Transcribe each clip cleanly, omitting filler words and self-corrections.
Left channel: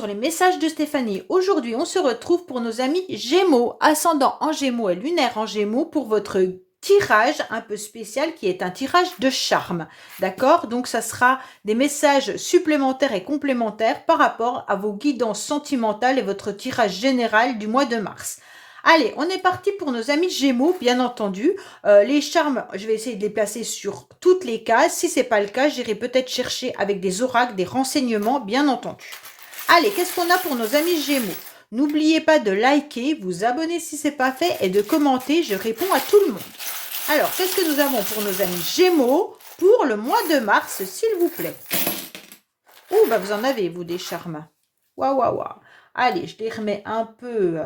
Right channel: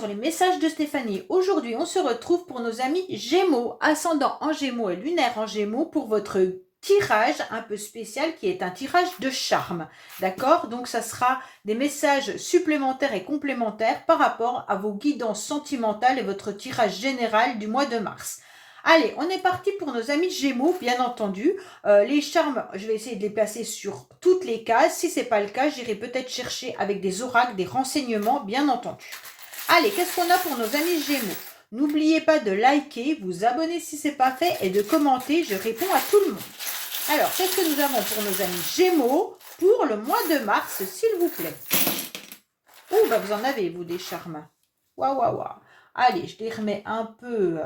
sur les messages de Stéphanie. Aujourd'hui, on se retrouve pour nos amis Gémeaux, ascendant en Gémeaux et lunaire en Gémeaux pour votre tirage un peu spécial qui est un tirage de charme. D'accord? Donc, ça sera des messages supplémentaires et complémentaires par rapport à vos guidances sentimentales et votre tirage général du mois de mars. Allez, on est parti pour nos amis Gémeaux, bien entendu. Les charmes, je vais essayer de les placer sur toutes les cases. Si ce n'est pas le cas, j'irai peut-être chercher avec des oracles, des renseignements, bien entendu. Allez, qu'est-ce qu'on a pour nos amis Gémeaux? N'oubliez pas de liker, vous abonner si ce n'est pas fait et de commenter. Je réponds à tout le monde. Alors, qu'est-ce que nous avons pour nos amis Gémeaux pour le mois de mars, s'il vous plaît? Oh, bah vous en avez, vous, des charmes. Waouh, waouh, waouh. Allez, je les remets un peu,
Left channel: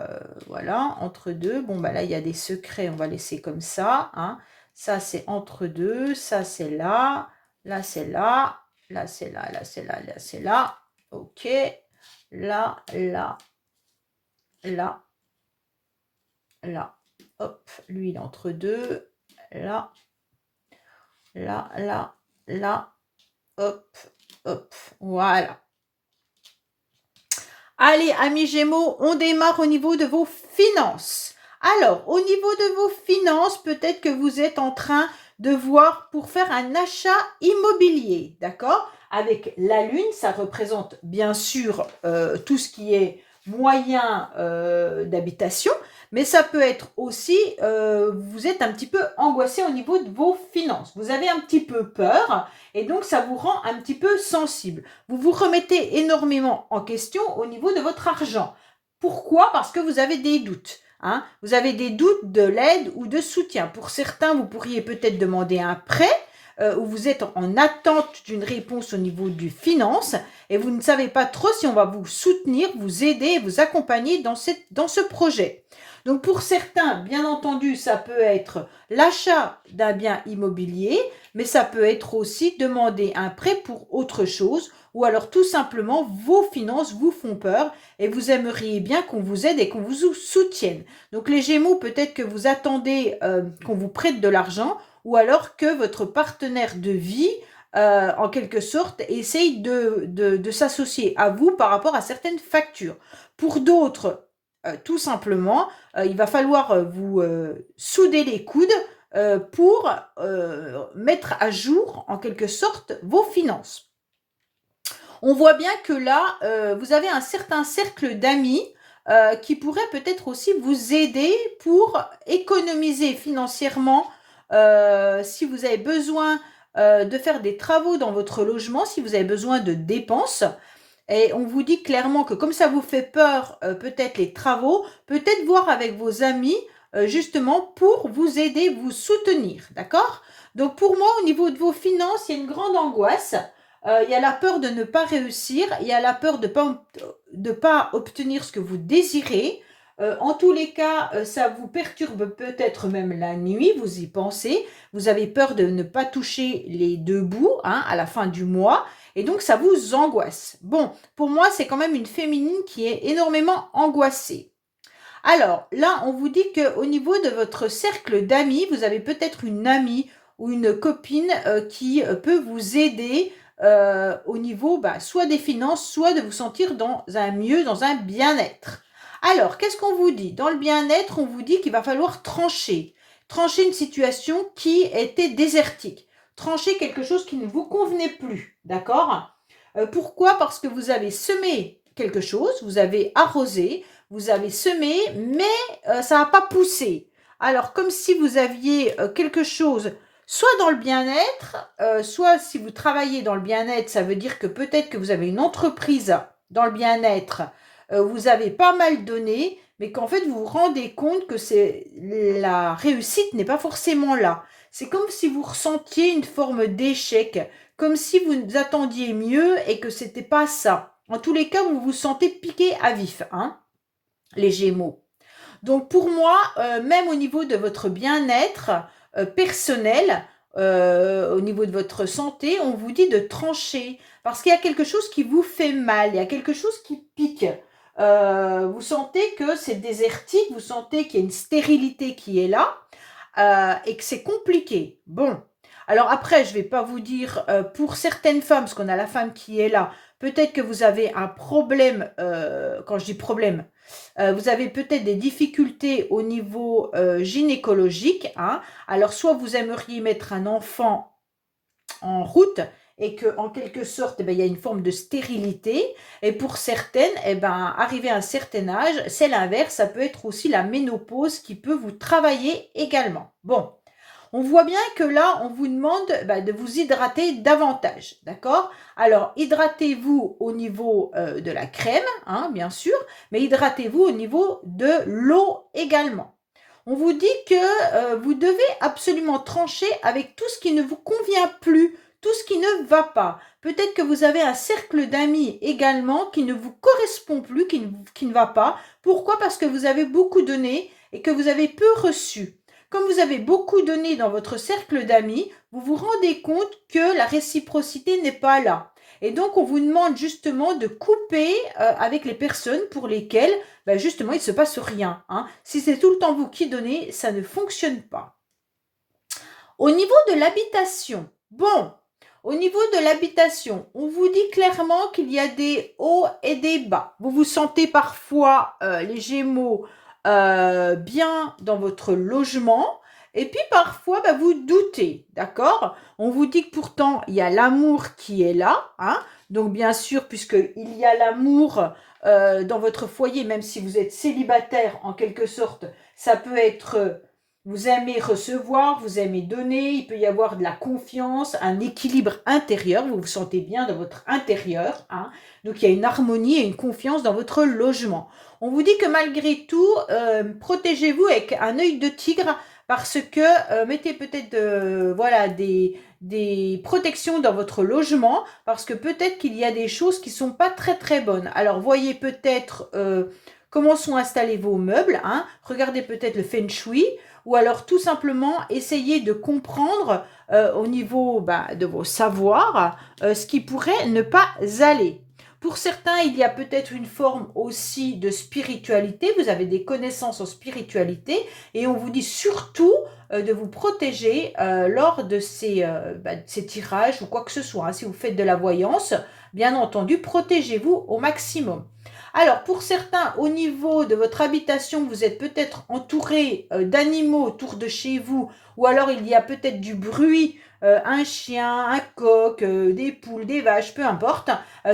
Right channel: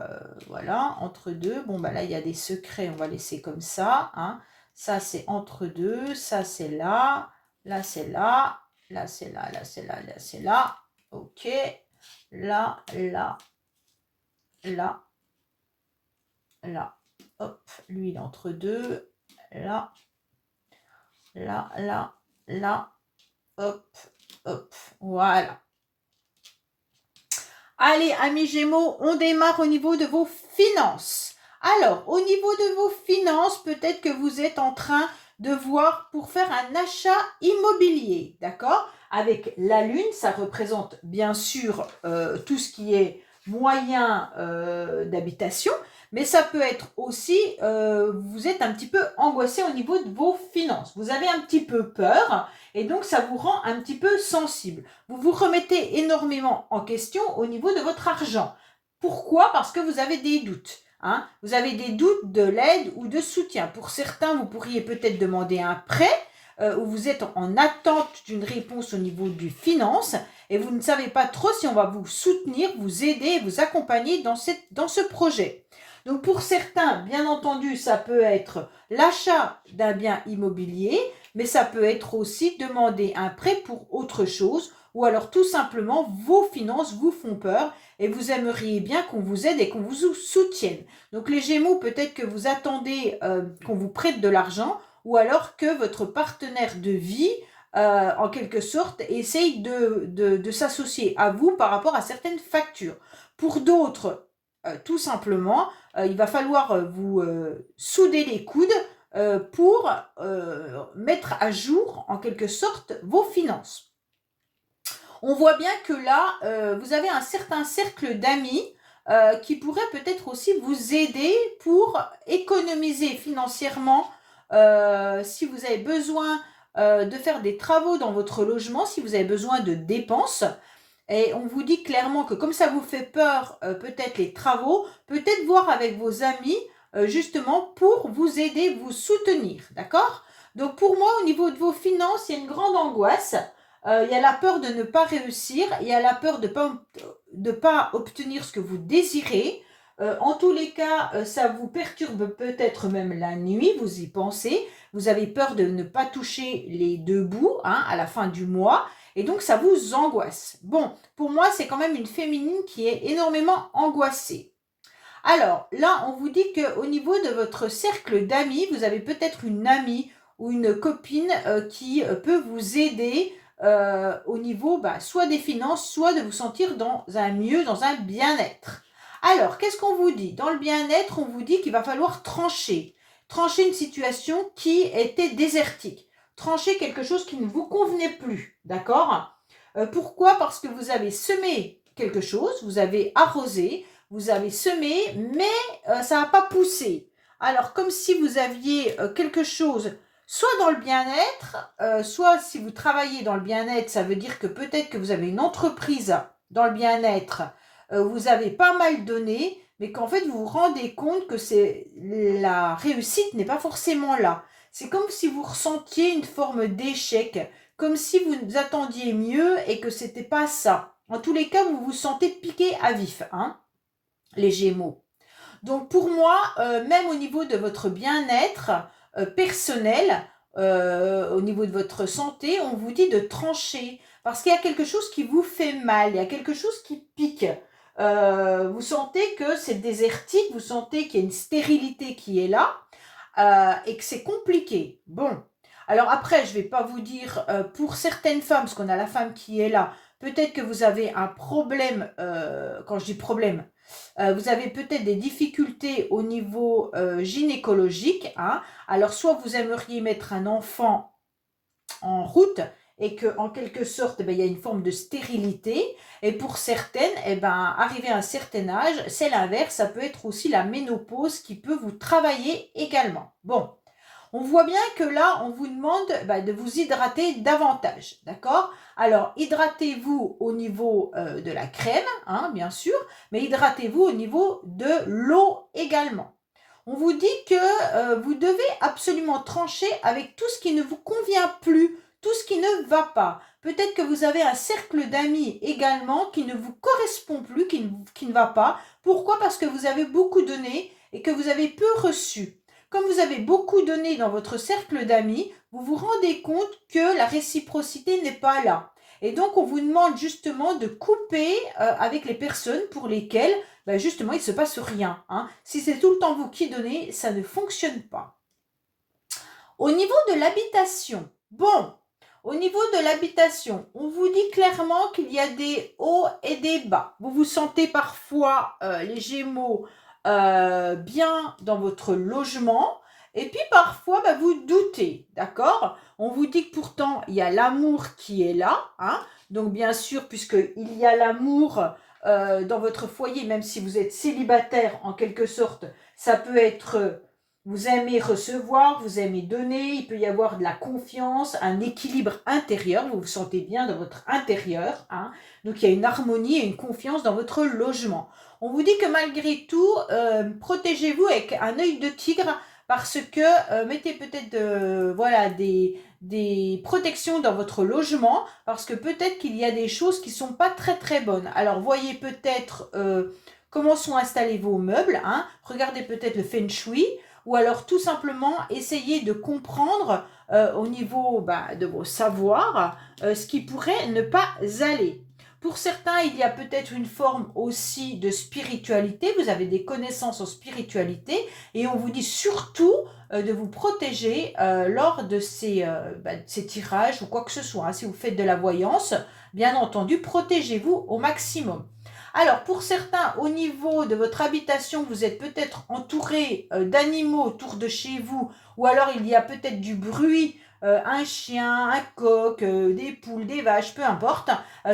voilà, entre deux. Bon, bah là, il y a des secrets, on va laisser comme ça. Hein. Ça, c'est entre deux. Ça, c'est là. Là, c'est là. Là, c'est là. Là, c'est là. Là, c'est là. OK. Là, là. Là. Là. Hop. Lui, il est entre deux. Là. Là, là. Là. Hop. Hop. Voilà. Allez, amis Gémeaux, on démarre au niveau de vos finances. Alors, au niveau de vos finances, peut-être que vous êtes en train de voir pour faire un achat immobilier, d'accord? Avec la Lune, ça représente bien sûr tout ce qui est moyen d'habitation, mais ça peut être aussi, vous êtes un petit peu angoissé au niveau de vos finances. Vous avez un petit peu peur et donc ça vous rend un petit peu sensible. Vous vous remettez énormément en question au niveau de votre argent. Pourquoi? Parce que vous avez des doutes. Hein? Vous avez des doutes de l'aide ou de soutien. Pour certains, vous pourriez peut-être demander un prêt où vous êtes en attente d'une réponse au niveau du finance et vous ne savez pas trop si on va vous soutenir, vous aider, vous accompagner dans ce projet. Donc pour certains, bien entendu, ça peut être l'achat d'un bien immobilier, mais ça peut être aussi demander un prêt pour autre chose, ou alors tout simplement vos finances vous font peur et vous aimeriez bien qu'on vous aide et qu'on vous soutienne. Donc les Gémeaux, peut-être que vous attendez qu'on vous prête de l'argent, ou alors que votre partenaire de vie, en quelque sorte, essaye de s'associer à vous par rapport à certaines factures. Pour d'autres, tout simplement, il va falloir vous souder les coudes pour mettre à jour, en quelque sorte, vos finances. On voit bien que là, vous avez un certain cercle d'amis qui pourrait peut-être aussi vous aider pour économiser financièrement si vous avez besoin de faire des travaux dans votre logement, si vous avez besoin de dépenses. Et on vous dit clairement que comme ça vous fait peur, peut-être les travaux, peut-être voir avec vos amis, justement pour vous aider, vous soutenir, d'accord? Donc pour moi, au niveau de vos finances, il y a une grande angoisse. Il y a la peur de ne pas réussir, il y a la peur de pas obtenir ce que vous désirez. En tous les cas, ça vous perturbe peut-être même la nuit, vous y pensez. Vous avez peur de ne pas toucher les deux bouts hein, à la fin du mois. Et donc, ça vous angoisse. Bon, pour moi, c'est quand même une féminine qui est énormément angoissée. Alors, là, on vous dit qu'au niveau de votre cercle d'amis, vous avez peut-être une amie ou une copine qui peut vous aider au niveau soit des finances, soit de vous sentir dans un mieux, dans un bien-être. Alors, qu'est-ce qu'on vous dit? Dans le bien-être, on vous dit qu'il va falloir trancher. Trancher une situation qui était désertique. Trancher quelque chose qui ne vous convenait plus. D'accord? Pourquoi? Parce que vous avez semé quelque chose, vous avez arrosé, vous avez semé, mais ça n'a pas poussé. Alors, comme si vous aviez quelque chose, soit dans le bien-être, soit si vous travaillez dans le bien-être, ça veut dire que peut-être que vous avez une entreprise dans le bien-être, vous avez pas mal donné, mais qu'en fait, vous vous rendez compte que la réussite n'est pas forcément là. C'est comme si vous ressentiez une forme d'échec, comme si vous attendiez mieux et que c'était pas ça. En tous les cas, vous vous sentez piqué à vif, hein, les Gémeaux. Donc pour moi, même au niveau de votre bien-être personnel, au niveau de votre santé, on vous dit de trancher parce qu'il y a quelque chose qui vous fait mal, il y a quelque chose qui pique. Vous sentez que c'est désertique, vous sentez qu'il y a une stérilité qui est là et que c'est compliqué. Bon, alors après, je ne vais pas vous dire pour certaines femmes, parce qu'on a la femme qui est là, peut-être que vous avez un problème, quand je dis problème, vous avez peut-être des difficultés au niveau gynécologique, hein. Alors, soit vous aimeriez mettre un enfant en route et que en quelque sorte, il y a une forme de stérilité. Et pour certaines, arrivé à un certain âge, c'est l'inverse. Ça peut être aussi la ménopause qui peut vous travailler également. Bon, on voit bien que là, on vous demande de vous hydrater davantage, d'accord? Alors, hydratez-vous au niveau de la crème, hein, bien sûr, mais hydratez-vous au niveau de l'eau également. On vous dit que vous devez absolument trancher avec tout ce qui ne vous convient plus, tout ce qui ne va pas. Peut-être que vous avez un cercle d'amis également qui ne vous correspond plus, qui ne va pas. Pourquoi? Parce que vous avez beaucoup donné et que vous avez peu reçu. Comme vous avez beaucoup donné dans votre cercle d'amis, vous vous rendez compte que la réciprocité n'est pas là. Et donc, on vous demande justement de couper avec les personnes pour lesquelles, justement, il ne se passe rien, hein. Si c'est tout le temps vous qui donnez, ça ne fonctionne pas. Au niveau de l'habitation, bon, au niveau de l'habitation, on vous dit clairement qu'il y a des hauts et des bas. Vous vous sentez parfois, les Gémeaux, bien dans votre logement et puis parfois, vous doutez, d'accord? On vous dit que pourtant, il y a l'amour qui est là, hein. Donc bien sûr, puisqu'il y a l'amour dans votre foyer, même si vous êtes célibataire en quelque sorte, ça peut être vous aimez recevoir, vous aimez donner, il peut y avoir de la confiance, un équilibre intérieur, vous vous sentez bien dans votre intérieur, hein. Donc il y a une harmonie et une confiance dans votre logement. On vous dit que malgré tout, protégez-vous avec un œil de tigre parce que mettez peut-être voilà, des protections dans votre logement parce que peut-être qu'il y a des choses qui ne sont pas très très bonnes. Alors voyez peut-être comment sont installés vos meubles, hein. Regardez peut-être le feng shui ou alors tout simplement essayer de comprendre au niveau de vos savoirs ce qui pourrait ne pas aller. Pour certains, il y a peut-être une forme aussi de spiritualité, vous avez des connaissances en spiritualité et on vous dit surtout de vous protéger lors de ces tirages ou quoi que ce soit, hein. Si vous faites de la voyance, bien entendu, protégez-vous au maximum. Alors, pour certains, au niveau de votre habitation, vous êtes peut-être entouré d'animaux autour de chez vous, ou alors il y a peut-être du bruit, un chien, un coq, des poules, des vaches, peu importe,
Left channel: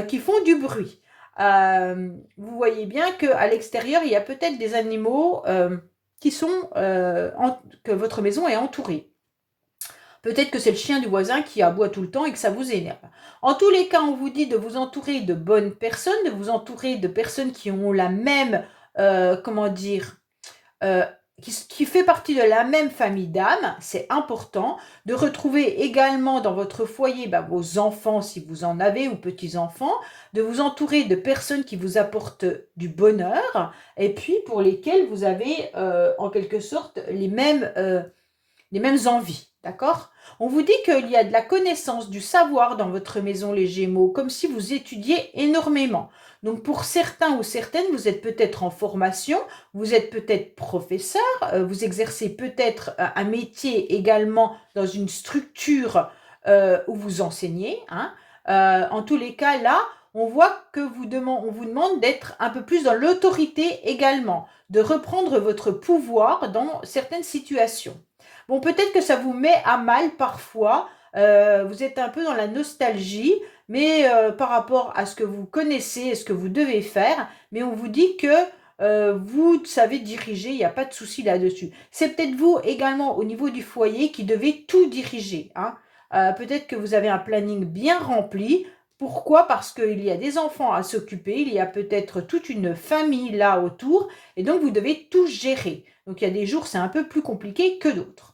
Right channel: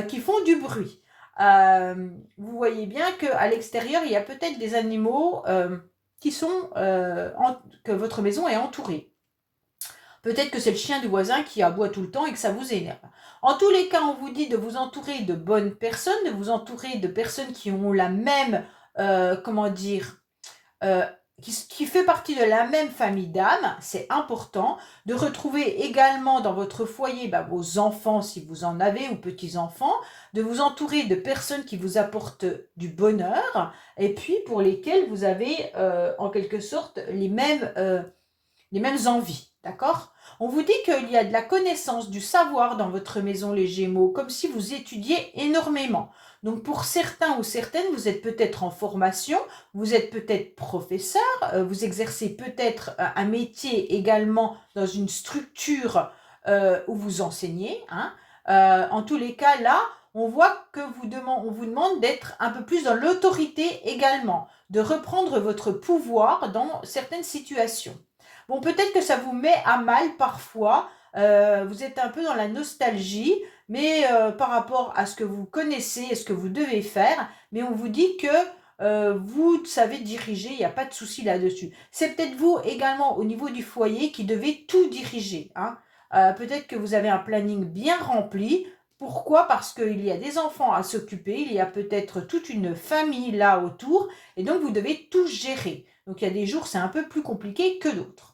qui font du bruit. Vous voyez bien qu'à l'extérieur, il y a peut-être des animaux que votre maison est entourée. Peut-être que c'est le chien du voisin qui aboie tout le temps et que ça vous énerve. En tous les cas, on vous dit de vous entourer de bonnes personnes, de vous entourer de personnes qui ont la même, comment dire, euh, qui fait partie de la même famille d'âme, c'est important. De retrouver également dans votre foyer vos enfants, si vous en avez, ou petits-enfants, de vous entourer de personnes qui vous apportent du bonheur, et puis pour lesquelles vous avez en quelque sorte les mêmes envies, d'accord? On vous dit qu'il y a de la connaissance, du savoir dans votre maison, les Gémeaux, comme si vous étudiez énormément. Donc pour certains ou certaines, vous êtes peut-être en formation, vous êtes peut-être professeur, vous exercez peut-être un métier également dans une structure où vous enseignez, hein. En tous les cas, là, on voit que on vous demande d'être un peu plus dans l'autorité également, de reprendre votre pouvoir dans certaines situations. Bon, peut-être que ça vous met à mal parfois, vous êtes un peu dans la nostalgie, mais par rapport à ce que vous connaissez et ce que vous devez faire, mais on vous dit que vous savez diriger, il n'y a pas de souci là-dessus. C'est peut-être vous également au niveau du foyer qui devez tout diriger, hein. Peut-être que vous avez un planning bien rempli. Pourquoi? Parce qu'il y a des enfants à s'occuper, il y a peut-être toute une famille là autour, et donc vous devez tout gérer. Donc il y a des jours, c'est un peu plus compliqué que d'autres.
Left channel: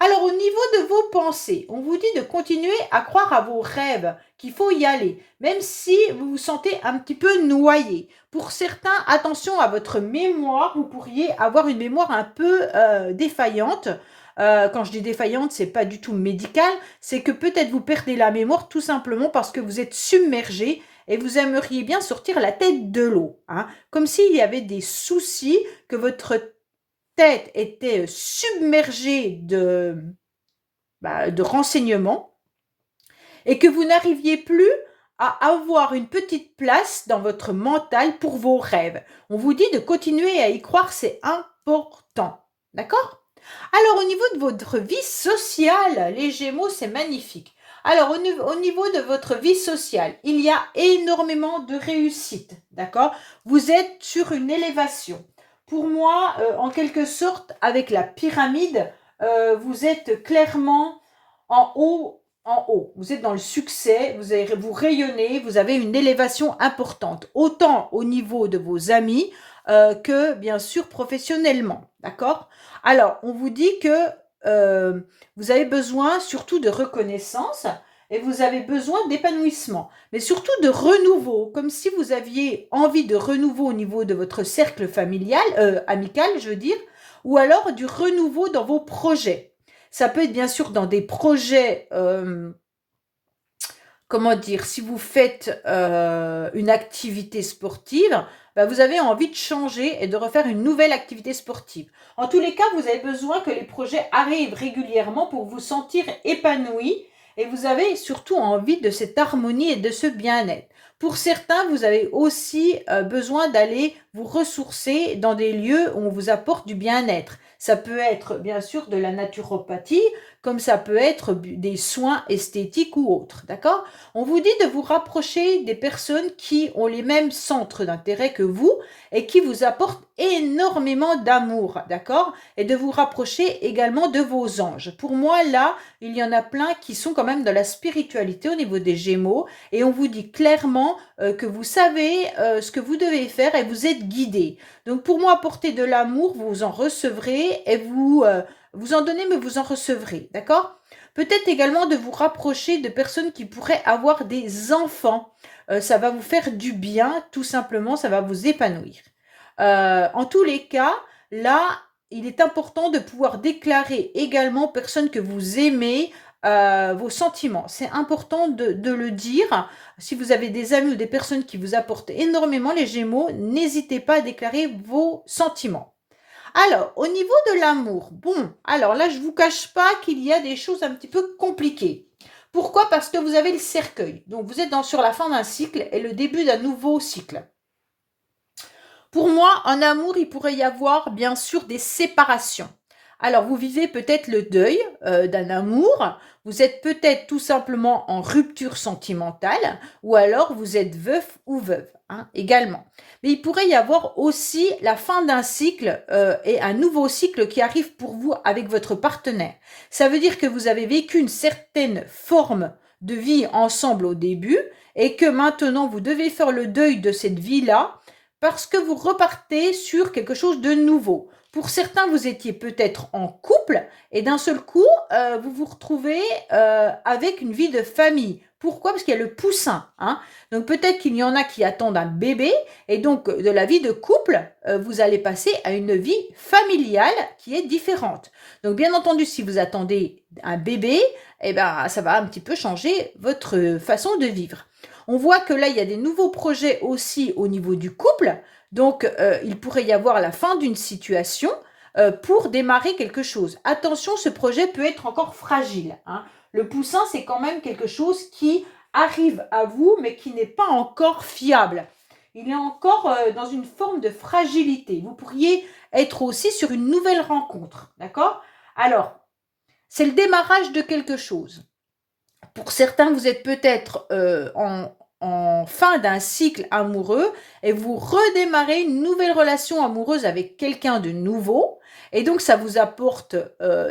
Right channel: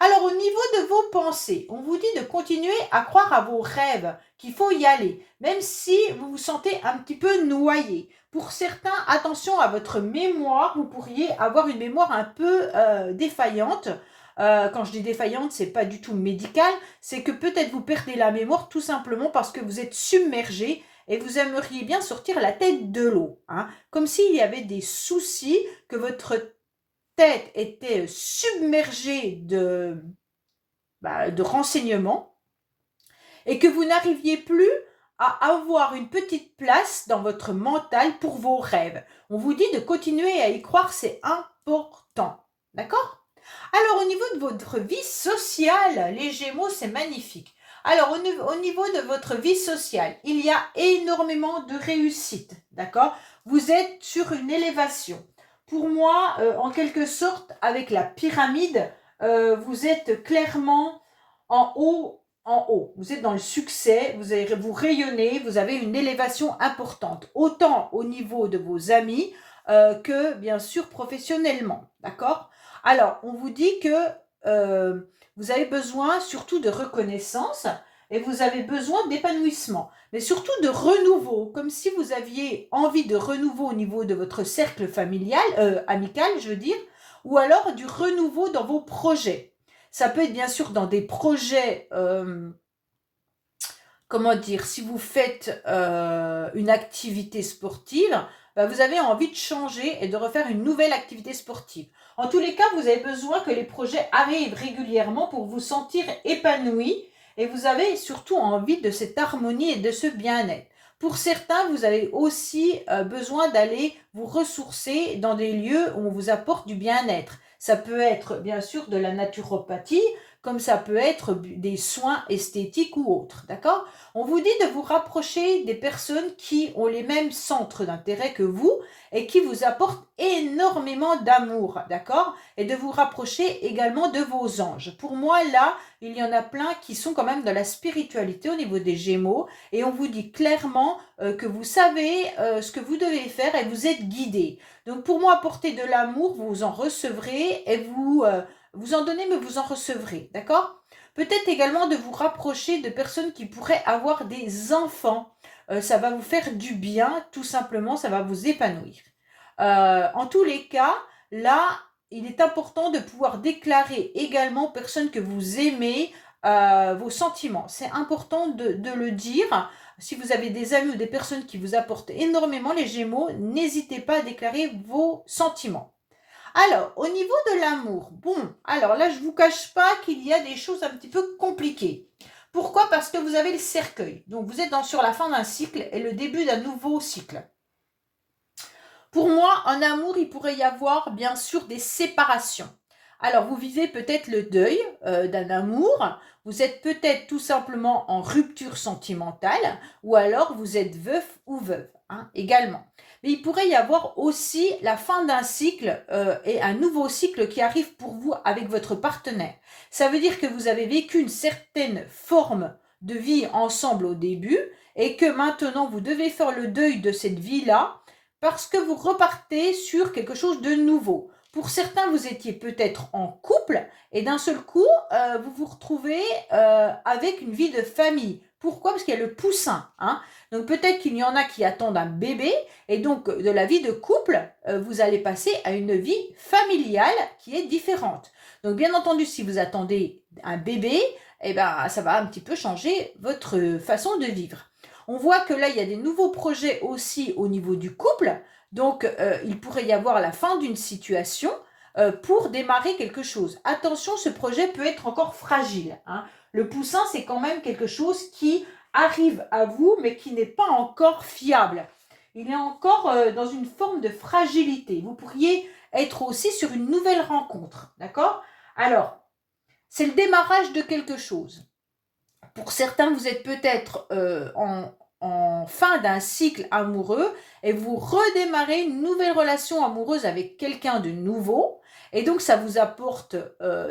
Alors, au niveau de vos pensées, on vous dit de continuer à croire à vos rêves, qu'il faut y aller, même si vous vous sentez un petit peu noyé. Pour certains, attention à votre mémoire, vous pourriez avoir une mémoire un peu défaillante. Quand je dis défaillante, c'est pas du tout médical, c'est que peut-être vous perdez la mémoire tout simplement parce que vous êtes submergé et vous aimeriez bien sortir la tête de l'eau, hein, comme s'il y avait des soucis, que votre tête était submergée de renseignements et que vous n'arriviez plus à avoir une petite place dans votre mental pour vos rêves. On vous dit de continuer à y croire, c'est important. D'accord? Alors, au niveau de votre vie sociale, les Gémeaux, c'est magnifique. Alors, au niveau de votre vie sociale, il y a énormément de réussite. D'accord? Vous êtes sur une élévation. Pour moi, en quelque sorte, avec la pyramide, vous êtes clairement en haut, en haut. Vous êtes dans le succès, vous rayonnez, vous avez une élévation importante, autant au niveau de vos amis que, bien sûr, professionnellement. D'accord? Alors, on vous dit que euh, vous avez besoin surtout de reconnaissance et vous avez besoin d'épanouissement, mais surtout de renouveau, comme si vous aviez envie de renouveau au niveau de votre cercle familial, amical, je veux dire, ou alors du renouveau dans vos projets. Ça peut être bien sûr dans des projets, comment dire, si vous faites une activité sportive, bah, vous avez envie de changer et de refaire une nouvelle activité sportive. En tous les cas, vous avez besoin que les projets arrivent régulièrement pour vous sentir épanoui et vous avez surtout envie de cette harmonie et de ce bien-être. Pour certains, vous avez aussi besoin d'aller vous ressourcer dans des lieux où on vous apporte du bien-être. Ça peut être bien sûr de la naturopathie, comme ça peut être des soins esthétiques ou autres, d'accord? On vous dit de vous rapprocher des personnes qui ont les mêmes centres d'intérêt que vous et qui vous apportent énormément d'amour, d'accord? Et de vous rapprocher également de vos anges. Pour moi, là, il y en a plein qui sont quand même dans la spiritualité au niveau des Gémeaux et on vous dit clairement que vous savez ce que vous devez faire et vous êtes guidé. Donc pour moi, apporter de l'amour, vous en recevrez et vous en donnez, mais vous en recevrez, d'accord? Peut-être également de vous rapprocher de personnes qui pourraient avoir des enfants. Ça va vous faire du bien, tout simplement, ça va vous épanouir. En tous les cas, là, il est important de pouvoir déclarer également aux personnes que vous aimez vos sentiments. C'est important de le dire. Si vous avez des amis ou des personnes qui vous apportent énormément les Gémeaux, n'hésitez pas à déclarer vos sentiments. Alors, au niveau de l'amour, bon, alors là, je ne vous cache pas qu'il y a des choses un petit peu compliquées. Pourquoi? Parce que vous avez le cercueil. Donc, vous êtes sur la fin d'un cycle et le début d'un nouveau cycle. Pour moi, en amour, il pourrait y avoir bien sûr des séparations. Alors, vous vivez peut-être le deuil d'un amour, vous êtes peut-être tout simplement en rupture sentimentale, ou alors vous êtes veuf ou veuve, hein, également. Mais il pourrait y avoir aussi la fin d'un cycle et un nouveau cycle qui arrive pour vous avec votre partenaire. Ça veut dire que vous avez vécu une certaine forme de vie ensemble au début et que maintenant vous devez faire le deuil de cette vie-là parce que vous repartez sur quelque chose de nouveau. Pour certains, vous étiez peut-être en couple et d'un seul coup, vous vous retrouvez avec une vie de famille. Pourquoi? Parce qu'il y a le poussin, hein. Donc peut-être qu'il y en a qui attendent un bébé et donc de la vie de couple, vous allez passer à une vie familiale qui est différente. Donc bien entendu, si vous attendez un bébé, eh ben, ça va un petit peu changer votre façon de vivre. On voit que là, il y a des nouveaux projets aussi au niveau du couple. Donc, il pourrait y avoir la fin d'une situation pour démarrer quelque chose. Attention, ce projet peut être encore fragile, hein. Le poussin, c'est quand même quelque chose qui arrive à vous, mais qui n'est pas encore fiable. Il est encore dans une forme de fragilité. Vous pourriez être aussi sur une nouvelle rencontre, d'accord? Alors, c'est le démarrage de quelque chose. Pour certains, vous êtes peut-être en fin d'un cycle amoureux et vous redémarrez une nouvelle relation amoureuse avec quelqu'un de nouveau. Et donc, ça vous apporte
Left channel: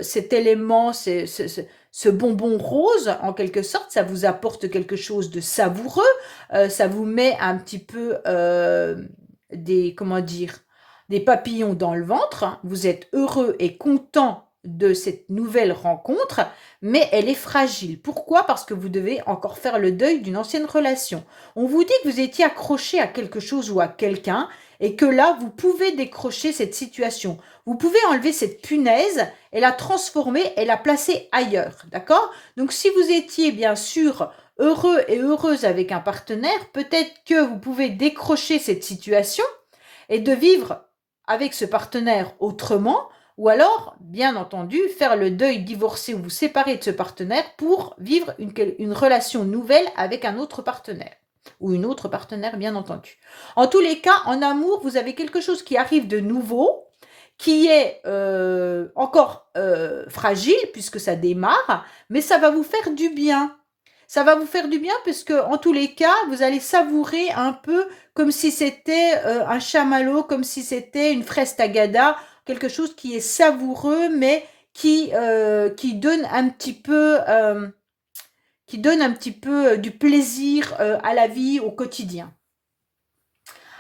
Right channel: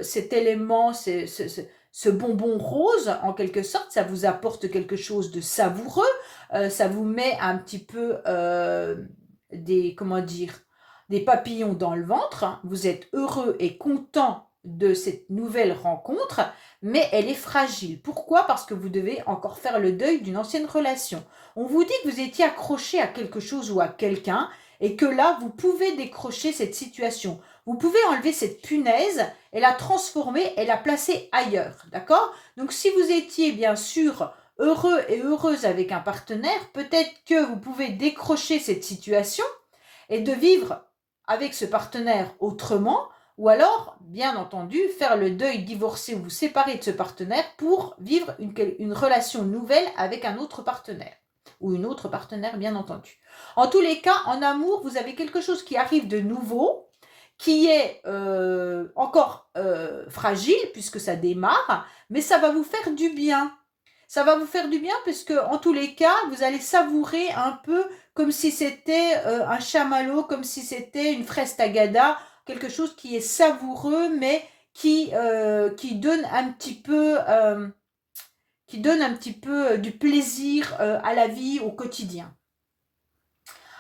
cet élément, ce bonbon rose, en quelque sorte. Ça vous apporte quelque chose de savoureux. Ça vous met un petit peu comment dire, des papillons dans le ventre, hein. Vous êtes heureux et content de cette nouvelle rencontre, mais elle est fragile. Pourquoi? Parce que vous devez encore faire le deuil d'une ancienne relation. On vous dit que vous étiez accroché à quelque chose ou à quelqu'un et que là, vous pouvez décrocher cette situation. Vous pouvez enlever cette punaise et la transformer et la placer ailleurs. D'accord? Donc, si vous étiez bien sûr heureux et heureuse avec un partenaire, peut-être que vous pouvez décrocher cette situation et de vivre avec ce partenaire autrement, Ou alors, bien entendu, faire le deuil, divorcer ou vous séparer de ce partenaire pour vivre une relation nouvelle avec un autre partenaire. Ou une autre partenaire, bien entendu. En tous les cas, en amour, vous avez quelque chose qui arrive de nouveau, qui est encore fragile, puisque ça démarre, mais ça va vous faire du bien. Ça va vous faire du bien, puisque en tous les cas, vous allez savourer un peu comme si c'était un chamallow, comme si c'était une fraise tagada, quelque chose qui est savoureux, mais qui donne un petit peu, du plaisir à la vie, au quotidien.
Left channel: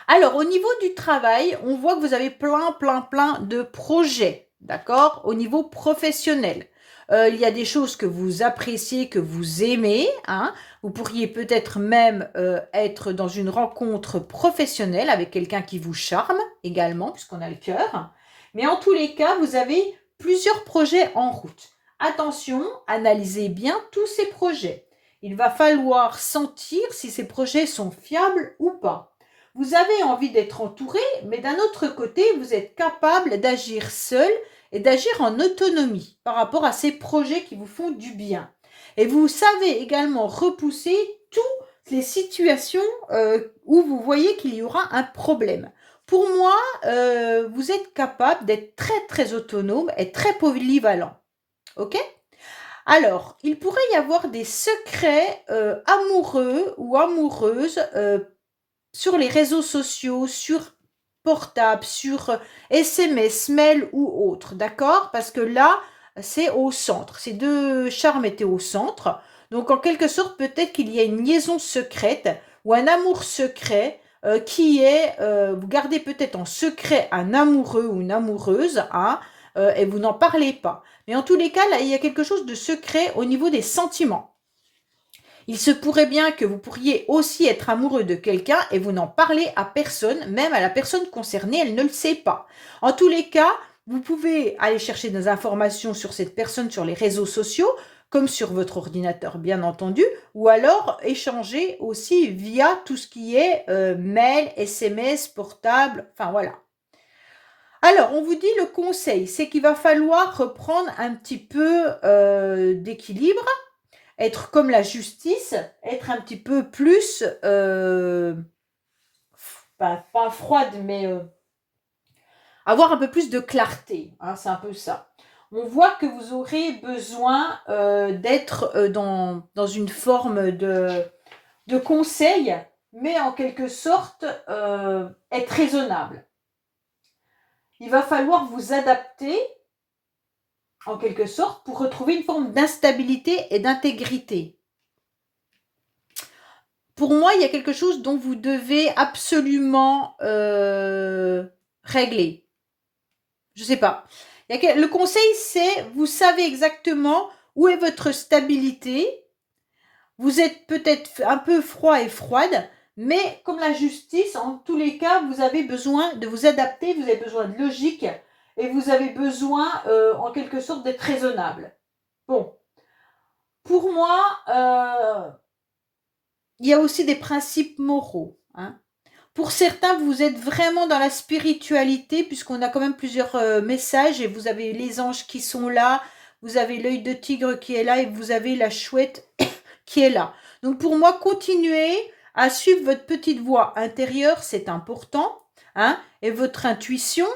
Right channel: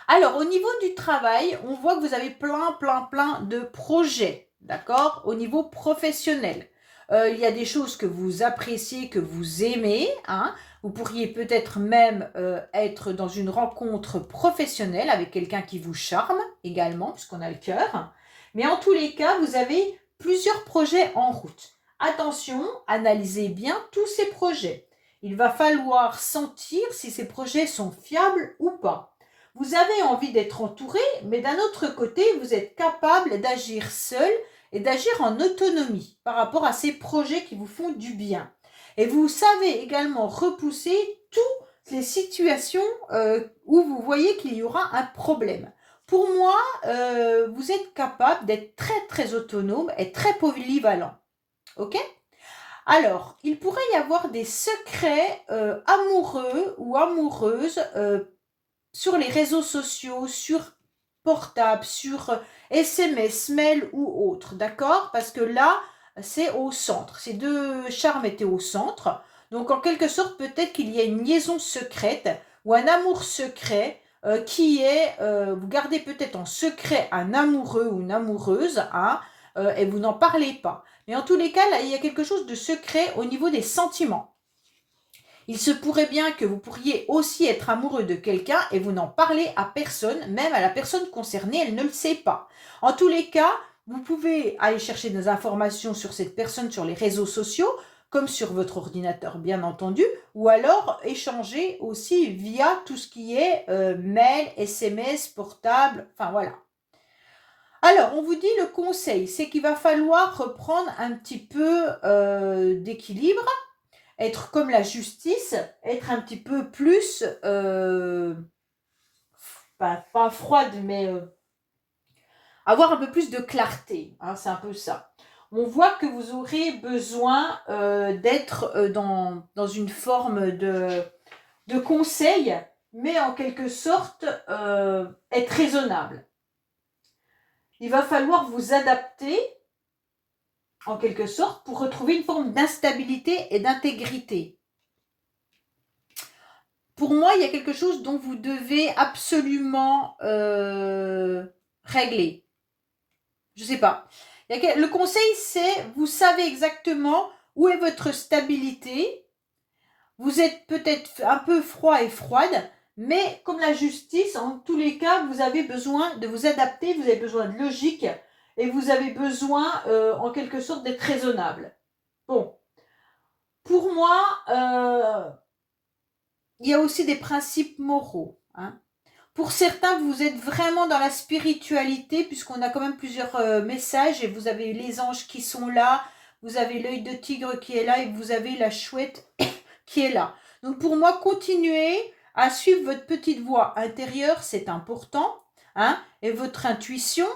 Alors, au niveau du travail, on voit que vous avez plein de projets, d'accord? Au niveau professionnel. Il y a des choses que vous appréciez, que vous aimez, hein. Vous pourriez peut-être même être dans une rencontre professionnelle avec quelqu'un qui vous charme également, puisqu'on a le cœur. Mais en tous les cas, vous avez plusieurs projets en route. Attention, analysez bien tous ces projets. Il va falloir sentir si ces projets sont fiables ou pas. Vous avez envie d'être entouré, mais d'un autre côté, vous êtes capable d'agir seul et d'agir en autonomie par rapport à ces projets qui vous font du bien. Et vous savez également repousser toutes les situations où vous voyez qu'il y aura un problème. Pour moi, vous êtes capable d'être très autonome et très polyvalent. Ok? Alors, il pourrait y avoir des secrets amoureux ou amoureuses sur les réseaux sociaux, sur portable, sur SMS, mail ou autre, d'accord? Parce que là, c'est au centre. Ces deux charmes étaient au centre. Donc, en quelque sorte, peut-être qu'il y a une liaison secrète ou un amour secret qui est, vous gardez peut-être en secret un amoureux ou une amoureuse, hein, et vous n'en parlez pas. Mais en tous les cas, là, il y a quelque chose de secret au niveau des sentiments. Il se pourrait bien que vous pourriez aussi être amoureux de quelqu'un et vous n'en parlez à personne, même à la personne concernée, elle ne le sait pas. En tous les cas, vous pouvez aller chercher des informations sur cette personne sur les réseaux sociaux, comme sur votre ordinateur bien entendu, ou alors échanger aussi via tout ce qui est mail, SMS, portable, enfin voilà. Alors, on vous dit le conseil, c'est qu'il va falloir reprendre un petit peu d'équilibre, être comme la justice, être un petit peu plus, pas froide, mais avoir un peu plus de clarté, hein, c'est un peu ça. On voit que vous aurez besoin d'être dans une forme de conseil, mais en quelque sorte être raisonnable. Il va falloir vous adapter en quelque sorte pour retrouver une forme d'instabilité et d'intégrité. Pour moi, il y a quelque chose dont vous devez absolument régler. Je ne sais pas. Le conseil, c'est, vous savez exactement où est votre stabilité. Vous êtes peut-être un peu froid et froide, mais comme la justice, en tous les cas, vous avez besoin de vous adapter, vous avez besoin de logique et vous avez besoin, en quelque sorte, d'être raisonnable. Bon. Pour moi, il y a aussi des principes moraux, hein. Pour certains, vous êtes vraiment dans la spiritualité, puisqu'on a quand même plusieurs messages, et vous avez les anges qui sont là, vous avez l'œil de tigre qui est là, et vous avez la chouette qui est là. Donc pour moi, continuez à suivre votre petite voix intérieure, c'est important, hein, et votre intuition,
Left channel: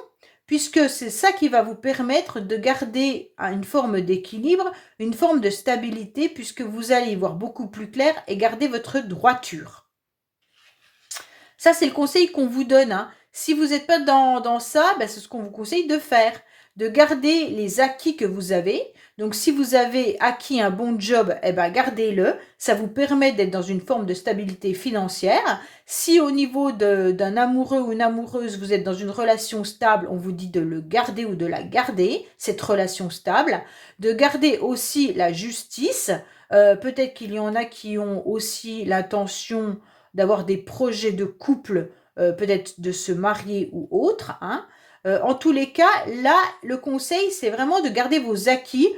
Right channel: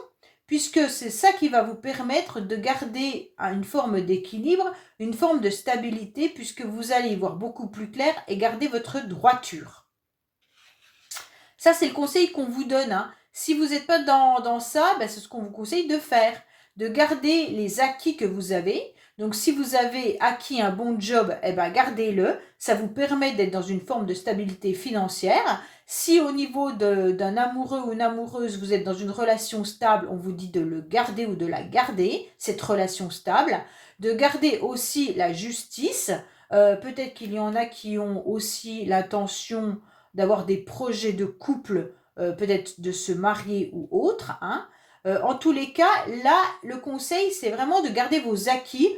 puisque c'est ça qui va vous permettre de garder une forme d'équilibre, une forme de stabilité, puisque vous allez y voir beaucoup plus clair et garder votre droiture. Ça, c'est le conseil qu'on vous donne, hein. Si vous n'êtes pas dans ça, ben, c'est ce qu'on vous conseille de faire, de garder les acquis que vous avez. Donc, si vous avez acquis un bon job, eh ben, gardez-le. Ça vous permet d'être dans une forme de stabilité financière. Si au niveau d'un amoureux ou une amoureuse, vous êtes dans une relation stable, on vous dit de le garder ou de la garder, cette relation stable. De garder aussi la justice. Peut-être qu'il y en a qui ont aussi l'intention d'avoir des projets de couple, peut-être de se marier ou autre, hein. En tous les cas, là, le conseil, c'est vraiment de garder vos acquis.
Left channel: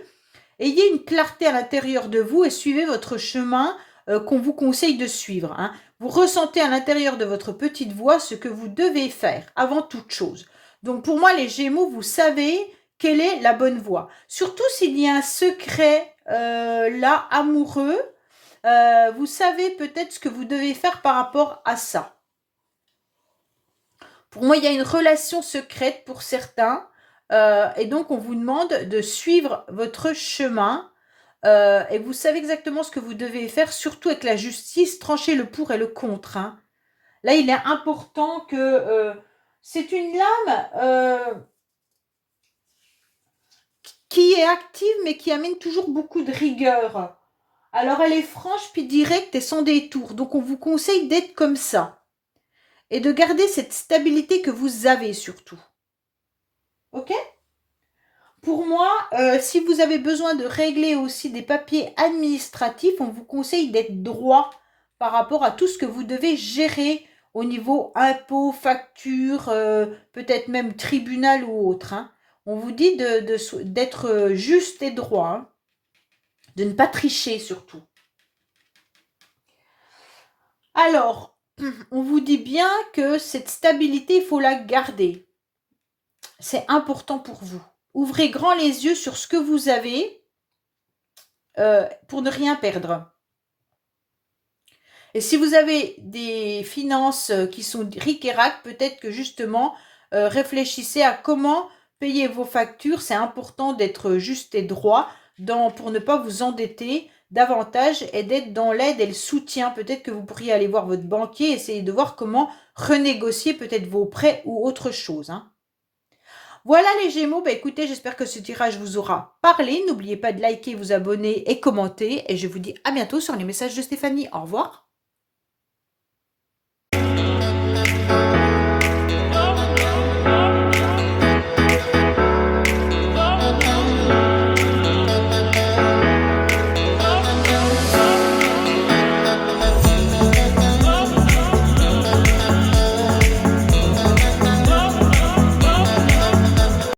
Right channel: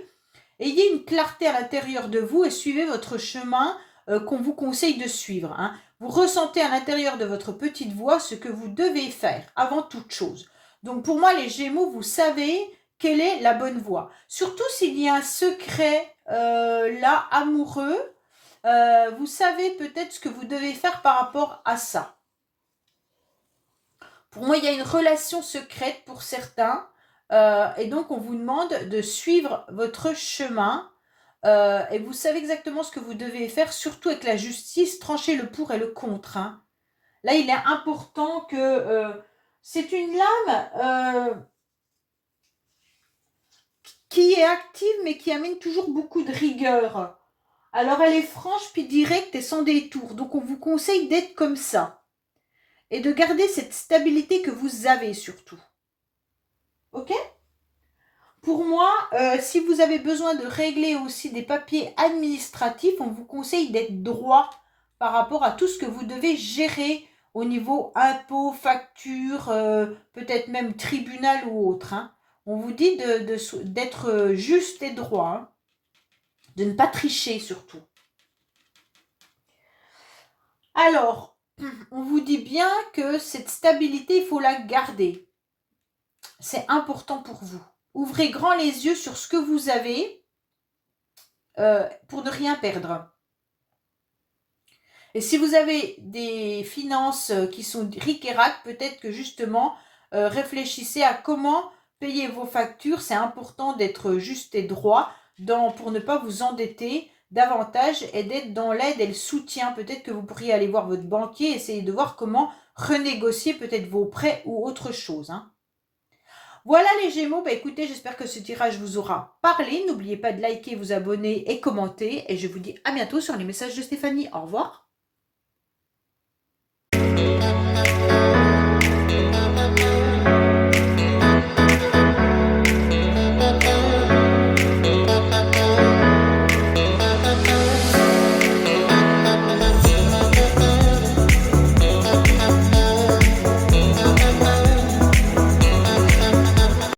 Ayez une clarté à l'intérieur de vous et suivez votre chemin qu'on vous conseille de suivre, hein. Vous ressentez à l'intérieur de votre petite voix ce que vous devez faire avant toute chose. Donc pour moi, les Gémeaux, vous savez quelle est la bonne voie. Surtout s'il y a un secret là, amoureux, vous savez peut-être ce que vous devez faire par rapport à ça. Pour moi, il y a une relation secrète pour certains, et donc on vous demande de suivre votre chemin, et vous savez exactement ce que vous devez faire, surtout avec la justice, trancher le pour et le contre, hein. Là, il est important que c'est une lame qui est active, mais qui amène toujours beaucoup de rigueur. Alors, elle est franche puis directe et sans détour. Donc, on vous conseille d'être comme ça et de garder cette stabilité que vous avez surtout. Ok? Pour moi, si vous avez besoin de régler aussi des papiers administratifs, on vous conseille d'être droit par rapport à tout ce que vous devez gérer au niveau impôts, factures, peut-être même tribunal ou autre, hein. On vous dit d'être juste et droit, hein, de ne pas tricher surtout. Alors, on vous dit bien que cette stabilité, il faut la garder. C'est important pour vous. Ouvrez grand les yeux sur ce que vous avez pour ne rien perdre. Et si vous avez des finances qui sont ric-et-rac, peut-être que justement, réfléchissez à comment payer vos factures. C'est important d'être juste et droit pour ne pas vous endetter davantage et d'être dans l'aide et le soutien. Peut-être que vous pourriez aller voir votre banquier, essayer de voir comment renégocier peut-être vos prêts ou autre chose, hein. Voilà les Gémeaux, bah écoutez, j'espère que ce tirage vous aura parlé. N'oubliez pas de liker, vous abonner et commenter. Et je vous dis à bientôt sur les messages de Stéphanie. Au revoir.